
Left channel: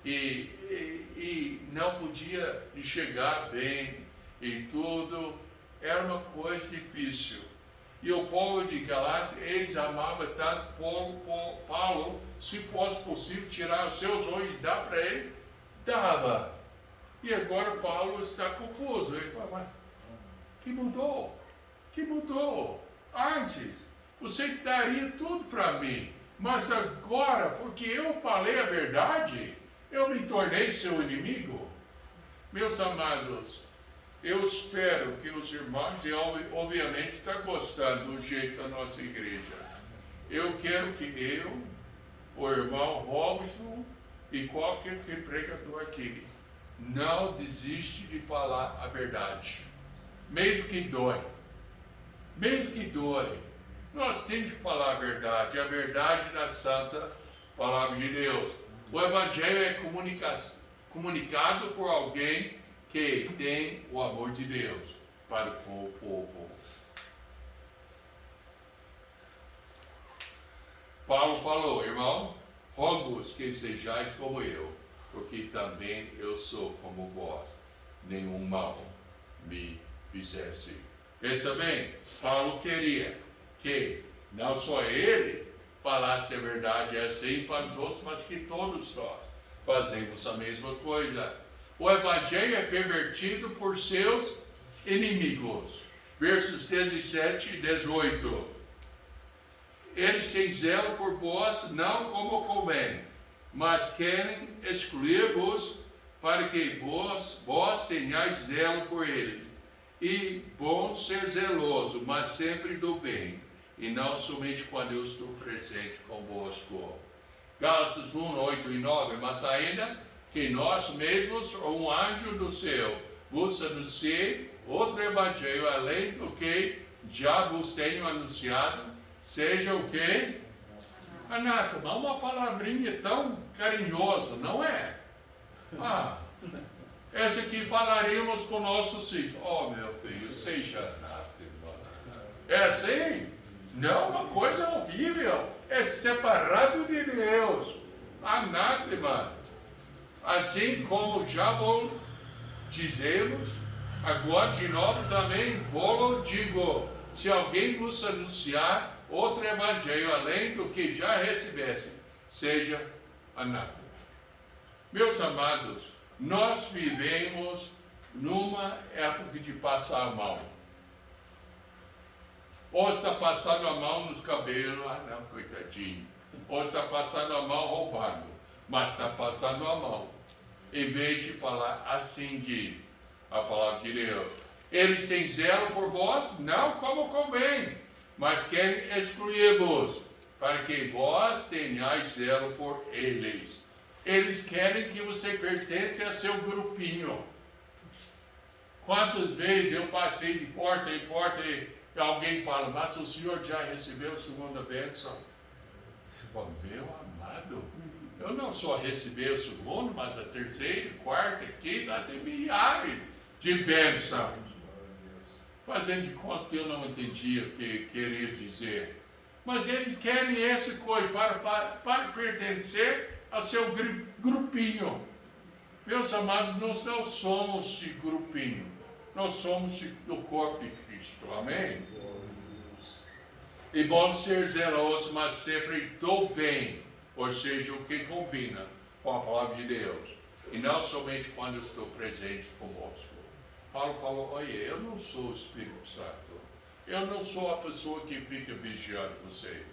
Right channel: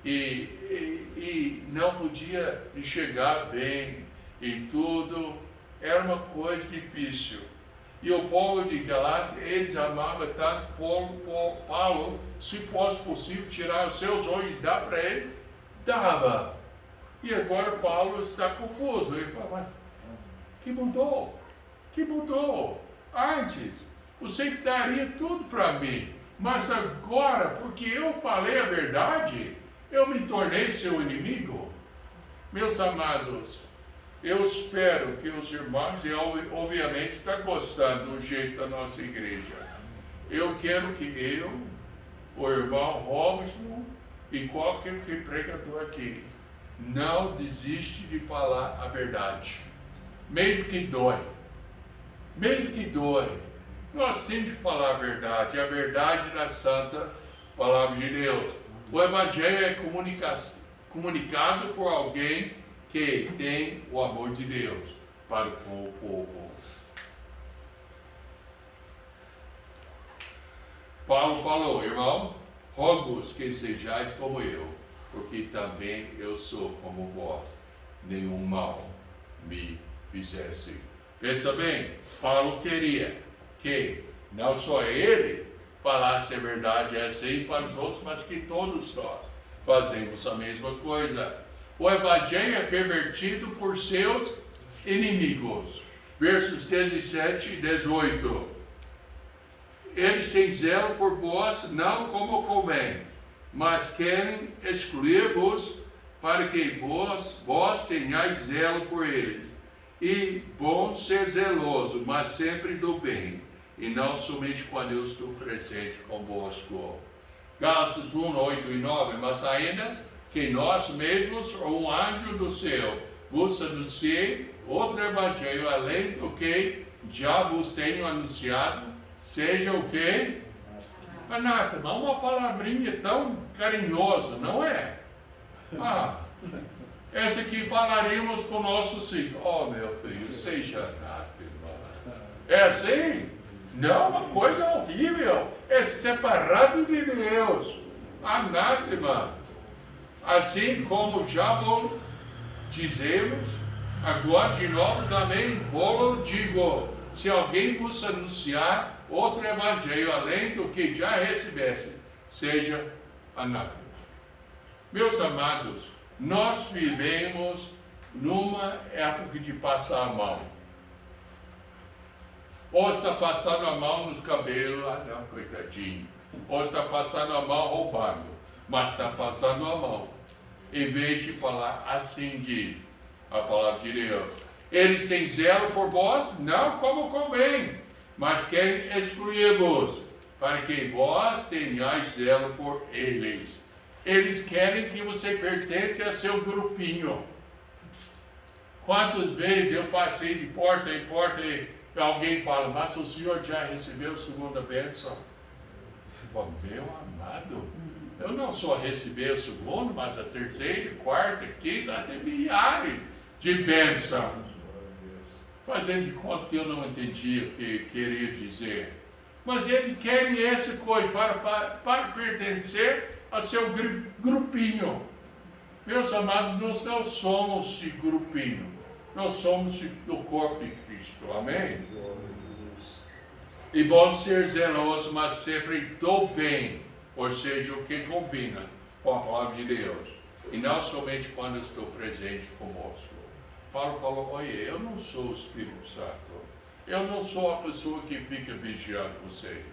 E não podia chegar bem e tudo, era uma coisa difícil. E o povo de Galácia, eles amavam tanto Paulo, se fosse possível tirar os seus olhos e dar para ele, dava. E agora Paulo está confuso. Ele fala, mas que mudou? Que mudou? Antes, você daria tudo para mim. Mas agora, porque eu falei a verdade, eu me tornei seu inimigo. Meus amados, eu espero que os irmãos, e obviamente está gostando do jeito da nossa igreja. Eu quero que o irmão Robson e qualquer pregador aqui não desiste de falar a verdade. Mesmo que dói. Mesmo que dói. Nós temos de falar a verdade da santa palavra de Deus. O evangelho é comunicado por alguém que tem o amor de Deus para com o povo. Paulo falou, irmão, rogo-vos que sejais como eu, porque também eu sou como vós, nenhum mal me fizesse. Pensa bem, Paulo queria que não só ele falasse a verdade assim para os outros, mas que todos nós fazemos a mesma coisa. O evangelho é pervertido por seus inimigos. Versos 17 e 18. Eles têm zelo por vós, não como convém, mas querem excluir-vos para que vós tenhais zelo por eles. E bom ser zeloso, mas sempre do bem, e não somente quando eu estou presente convosco. Gálatas 1, 8 e 9. Mas ainda que nós mesmos, ou um anjo do céu, vos anunciei outro evangelho, além do que já vos tenho anunciado, seja o que? Anátema, uma palavrinha tão carinhosa, não é? Essa aqui falaremos com nossos filhos. Oh, meu filho, seja anátema. É assim? Não, uma coisa horrível. É separado de Deus. Anátema. Assim como já vos dizemos, agora de novo também vos digo, se alguém vos anunciar outro evangelho além do que já recebesse, seja anátema. Meus amados, nós vivemos numa época de passar a mão. Ou está passando a mão nos cabelos, não, coitadinho. Ou está passando a mão roubando, mas está passando a mão. Em vez de falar, assim diz a palavra de Deus. Eles têm zelo por vós, não como convém, mas querem excluir-vos, para que vós tenhais zelo por eles. Eles querem que você pertence a seu grupinho. Quantas vezes eu passei de porta em porta e alguém fala, mas o senhor já recebeu a segunda bênção? Meu amado, eu não só recebi o segundo, mas a terceira, quarta, quinta, milhares de bênçãos. Fazendo de conta que eu não entendia o que queria dizer. Mas eles querem essa coisa para pertencer a seu grupinho. Meus amados, nós não somos de grupinho. Nós somos do corpo de Cristo. Amém? E bom ser zeloso, mas sempre do bem. Ou seja, o que combina com a palavra de Deus. E não somente quando eu estou presente conosco. Paulo falou, olha, eu não sou o Espírito Santo. Eu não sou a pessoa que fica vigiando você.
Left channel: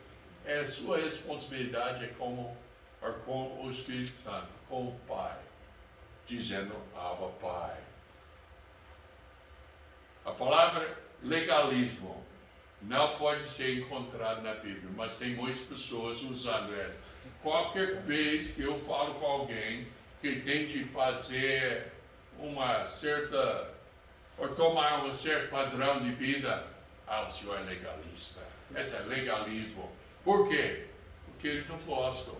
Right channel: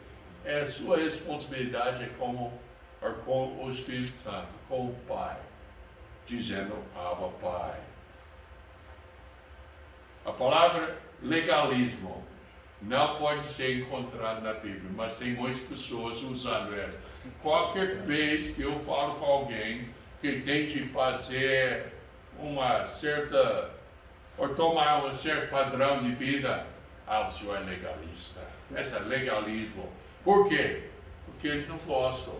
A sua responsabilidade é com o Espírito Santo, com o Pai. Dizendo, Abba, Pai. A palavra legalismo não pode ser encontrada na Bíblia, mas tem muitas pessoas usando essa. Qualquer vez que eu falo com alguém que tem de fazer uma certa, ou tomar um certo padrão de vida, o senhor é legalista. Esse é legalismo. Por quê? Porque eles não gostam.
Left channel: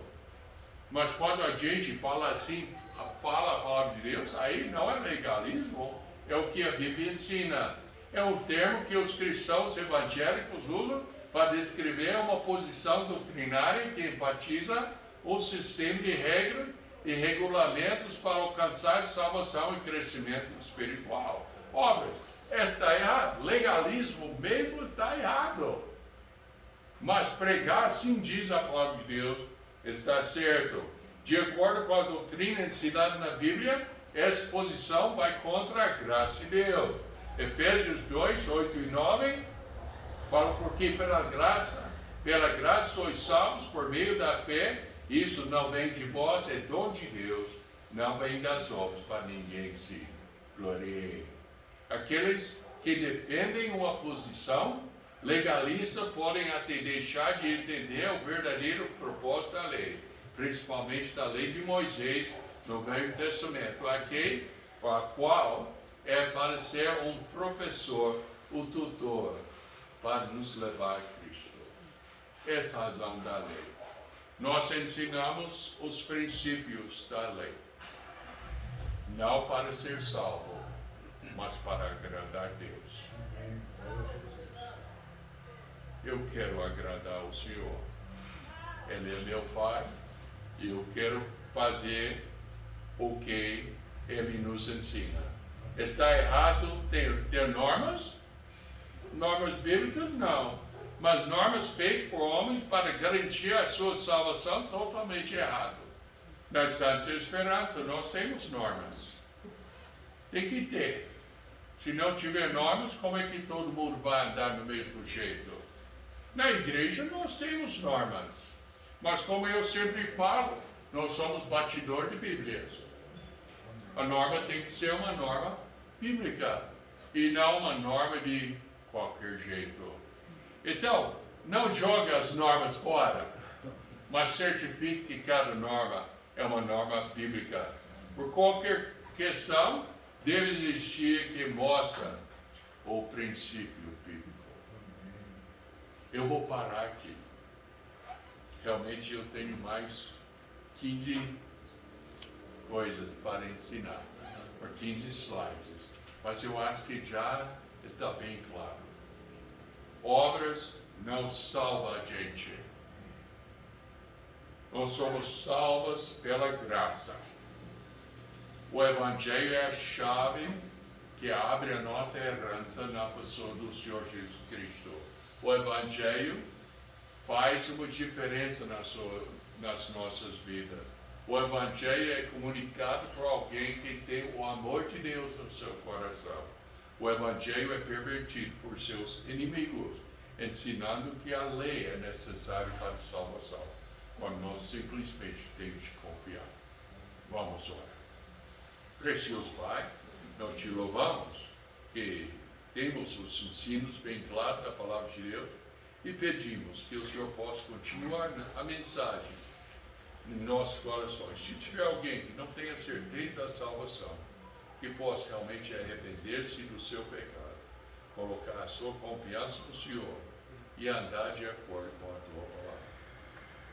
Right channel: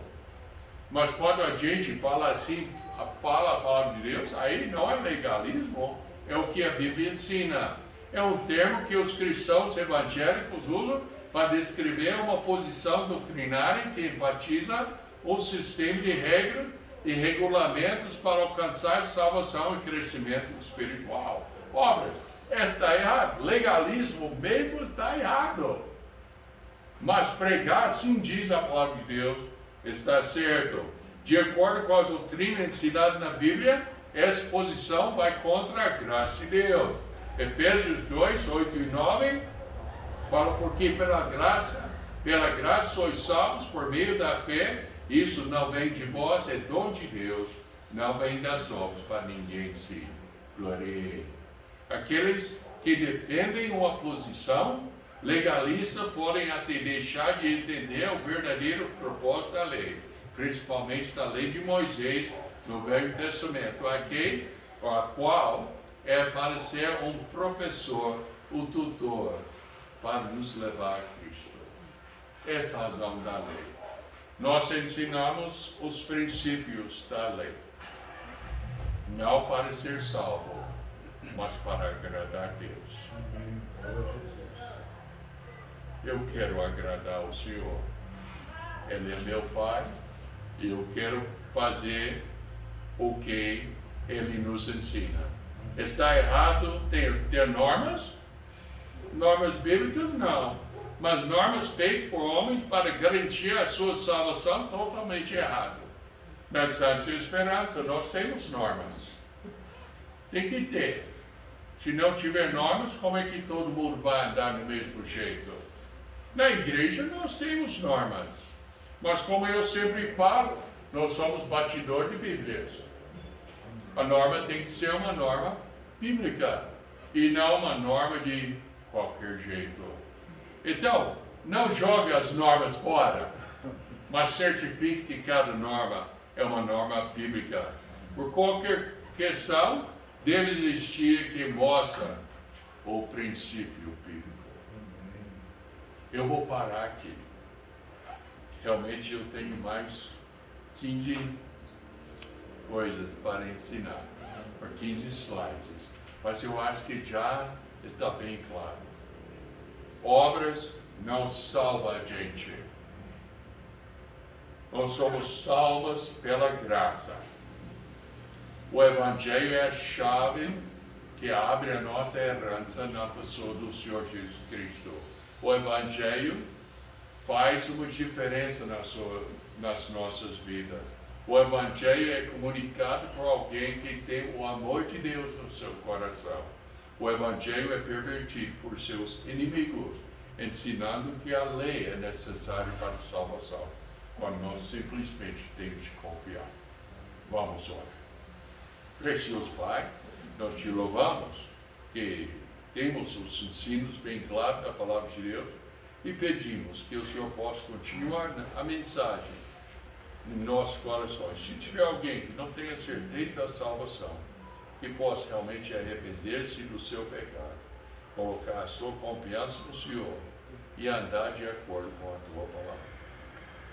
Mas quando a gente fala assim, fala a palavra de Deus, aí não é legalismo, é o que a Bíblia ensina. É um termo que os cristãos evangélicos usam para descrever uma posição doutrinária que enfatiza o sistema de regras e regulamentos para alcançar salvação e crescimento espiritual. Obras, está errado. Legalismo mesmo está errado. Mas pregar, assim diz a palavra de Deus, está certo. De acordo com a doutrina ensinada na Bíblia, essa posição vai contra a graça de Deus. Efésios 2, 8 e 9, fala porque pela graça sois salvos por meio da fé, isso não vem de vós, é dom de Deus, não vem das obras para ninguém se glorie. Aqueles que defendem uma posição legalista podem até deixar de entender o verdadeiro propósito da lei, principalmente da lei de Moisés no Velho Testamento, a qual é para ser um professor, o tutor, para nos levar a Cristo. Essa é a razão da lei. Nós ensinamos os princípios da lei, não para ser salvo, mas para agradar a Deus. Eu quero agradar o Senhor. Ele é meu Pai e eu quero fazer o que Ele nos ensina. Está errado ter normas? Normas bíblicas? Não. Mas normas feitas por homens para garantir a sua salvação, totalmente errado. Na Santa Esperança, nós temos normas. Tem que ter. Se não tiver normas, como é que todo mundo vai andar do mesmo jeito? Na igreja, nós temos normas. Mas como eu sempre falo, nós somos batidor de Bíblias. A norma tem que ser uma norma bíblica e não uma norma de qualquer jeito. Então, não jogue as normas fora, mas certifique que cada norma é uma norma bíblica. Por qualquer questão, deve existir que mostra o princípio bíblico. Eu vou parar aqui. Realmente eu tenho mais 15 coisas para ensinar, por 15 slides, mas eu acho que já está bem claro. Obras não salvam a gente. Nós somos salvos pela graça. O Evangelho é a chave que abre a nossa herança na pessoa do Senhor Jesus Cristo. O Evangelho faz uma diferença nas nossas vidas. O Evangelho é comunicado por alguém que tem o amor de Deus no seu coração. O Evangelho é pervertido por seus inimigos, ensinando que a lei é necessária para a salvação, quando nós simplesmente temos de confiar. Vamos orar. Precioso Pai, nós te louvamos que temos os ensinos bem claros da palavra de Deus e pedimos que o Senhor possa continuar a mensagem em nossos corações. Se tiver alguém que não tenha certeza da salvação, que possa realmente arrepender-se do seu pecado, colocar a sua confiança no Senhor e andar de acordo com a tua palavra.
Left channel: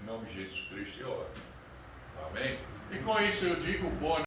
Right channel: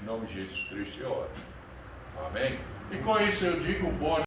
Em nome de Jesus Cristo eu oro. Amém? E com isso eu digo boa